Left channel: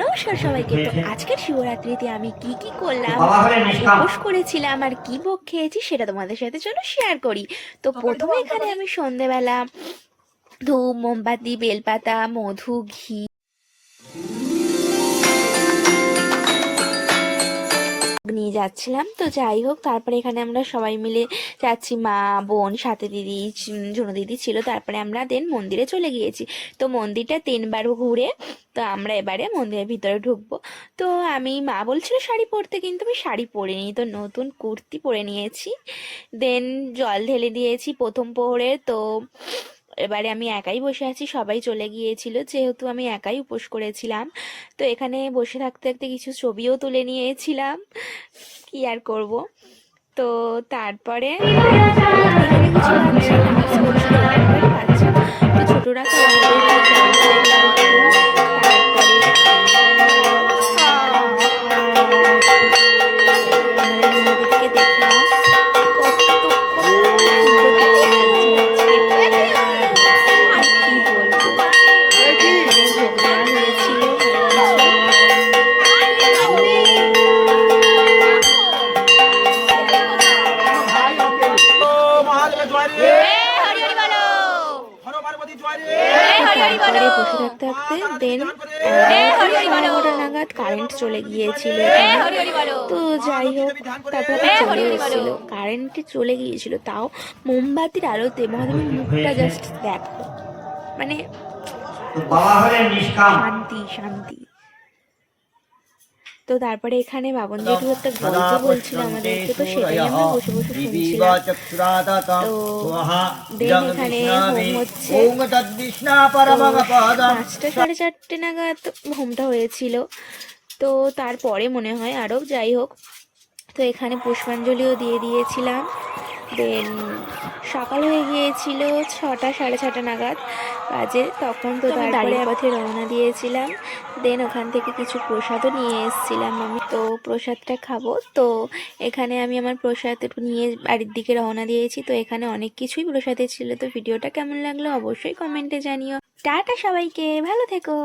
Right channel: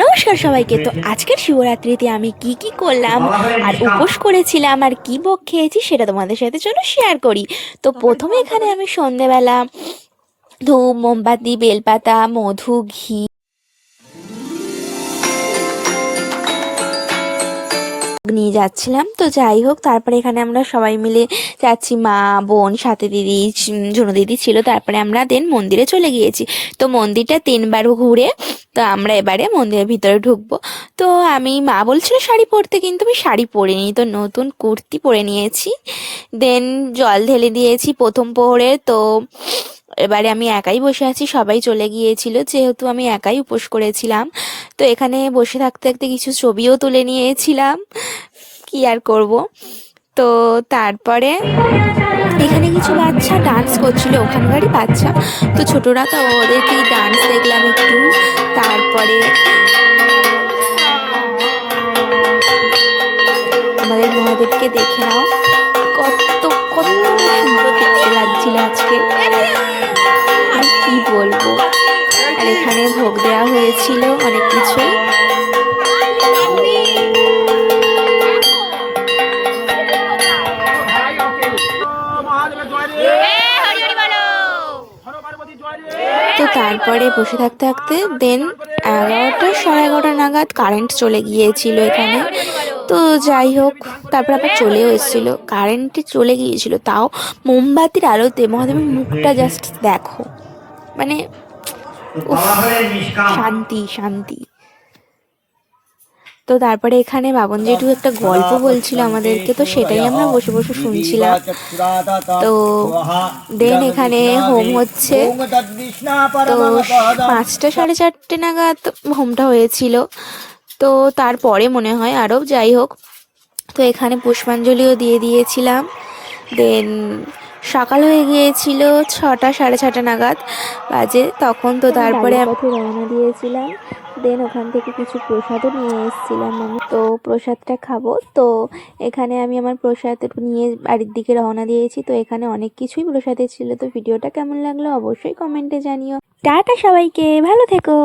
নমস্কার সবাইকে। তো আজকের শিবরাত্রিতে আমি কি কি করলাম আর উপোস করেছিলাম আর কি ভোগ খেয়েছি সেটা তোমাদের সাথে চলো শেয়ার করি। তো প্রথমে এখানে আমি সন্ধেবেলা ধূপ মোমবাতি বেলপাতা মধু ঘি নিয়ে যাচ্ছিলাম। তো যাই হোক, তারপরে এখানে আমরা সবাই মিলে যাচ্ছি, মা বোন সাথে দিদি ঝুনু দিদি ছিল। তারপরে আমরা দেন মন্দিরে চলে গিয়েছি। তো মন্দিরটা 3বার ঘুরে তো আমরা এবারে মন্দিরের ভিতরে ঢুকবো। তো আমি, মা বলছিল শাড়ি পরতে, কিন্তু আমি শাড়ি পরিনি, তো নতুন কুর্তি পরে নিয়েছি। দেন জল ঢেলে দিয়েছি প্রথম প্রহরে। তো এবারে আমি একাই বসে আছি, সবাই চলে গিয়েছিল যেহেতু আমি একাই উপোস করেছিলাম। তো এখানে বসে থাকতে থাকতে কিছু ছবিও তুলে নিয়েছিলাম, কি আর করব। তো তারপরে এখানে কিছু বাচ্চা ডান্স করছিল, ওখানকারই বাচ্চা। তো ছোটরা, তো ওদেরকে ডান্স দেখলাম একটু। তারপরে আমাদের মহাদেবকে দেখে নাও, কত কত সুন্দর দেখতে লাগছিল আজকে, আর কি বলবো। আর এখানে ভোগ দেওয়া হয়েছিল অনেক কিছু। তো তারপরে বসে থাকতে থাকতে দেন 11টা 11:30 নাগাদ কারেন্ট চলে গিয়েছিল এখানে। তো যাই হোক, তারপর আবার চলেও এসেছিল, কারেন্টে চলে গিয়েছিল তাও মোমবাতির আলোতে মহাদেবের মুখটা জাস্ট দেখো, মানে উফ, শান্তি শান্তি। তো তারপরে এখানে বাবন জেঠু একটা গল্প বলছিল আমাদেরকে, তো সেটাই আমরা বসে বসে শুনছিলাম। তো দেন এখানে হোম হচ্ছে। তো 5টা 4:30 নাগাদ হোমটা হয়েছিল, তো তারপরে মনে হয় আরও, যাই হোক। তো এখানে পুষ্পাঞ্জলিও দিয়ে দিয়েছিলাম। দেন সকাল হয়ে গিয়েছিল 6টা 6:30 নাগাদ বাজে তখন। তো তারপরে পথে রওনা দিয়েছিলাম। দেন ওখান থেকে কিছু প্রসাদও নিয়ে এসেছিলাম আমি, তো প্রসাদটা খাবো। তো এখানে আমি আমার প্রসাদ নিয়ে বাড়ির দিকে রওনা দিয়েছি। তো এখানে অনেক কিছুই প্রসাদে ছিল। তো ভিডিওটা কেমন লাগলো অবশ্যই কমেন্টে জানিও। টাটা সবাইকে, ভালো থেকো।